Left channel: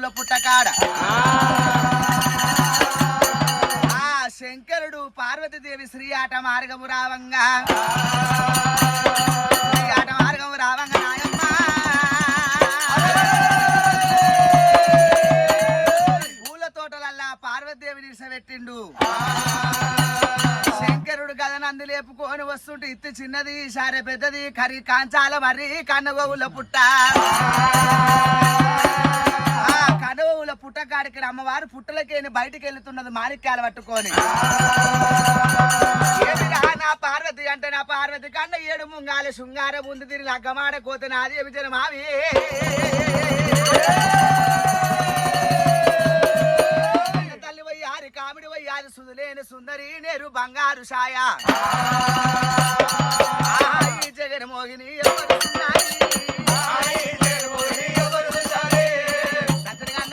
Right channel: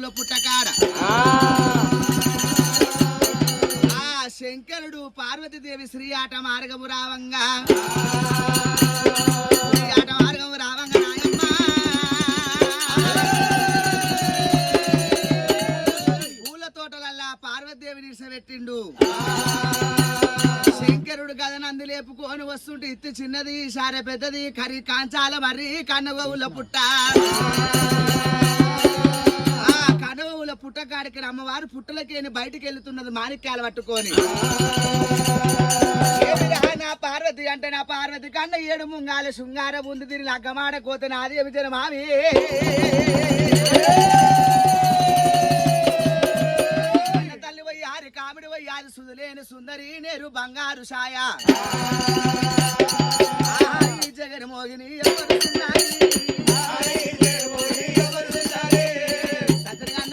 కనవవుల పుట్టకాడ శంకరుడు పార్వతీదేవి శ్రీ ఆట మార్గము రావంగా శ్రీ ఆట మార్గము రావంగా నాయమ్మ పూల తోటలల్లా పార్వతీదేవిని నిలిసబెట్టిండు శంకరుడు గదనందు లేపుకొని వస్తుంటే ఇత్తి చిన్నది సారె పెద్దది కరి కాంచాల మరి కన్నగోవుల పుట్ట కనవవుల పుట్టకాడికి అమ్మవారు పుట్టలకేని బయటికి వెళ్తున్నది మాణిక్యాలు పట్టుకొని నా పార్వతి అంటే నా పార్వతి కండ ఏడు ముంగాలి శృంగార ముందు తిరిగి అగ్గమాడ కోత నాది విజయ మావి తల్లి వయ్యారి కామిడి వయ్యారి సుదులేని సుందరి నేరు బంగారు ఛాయ ఈ జగన్ మోగిని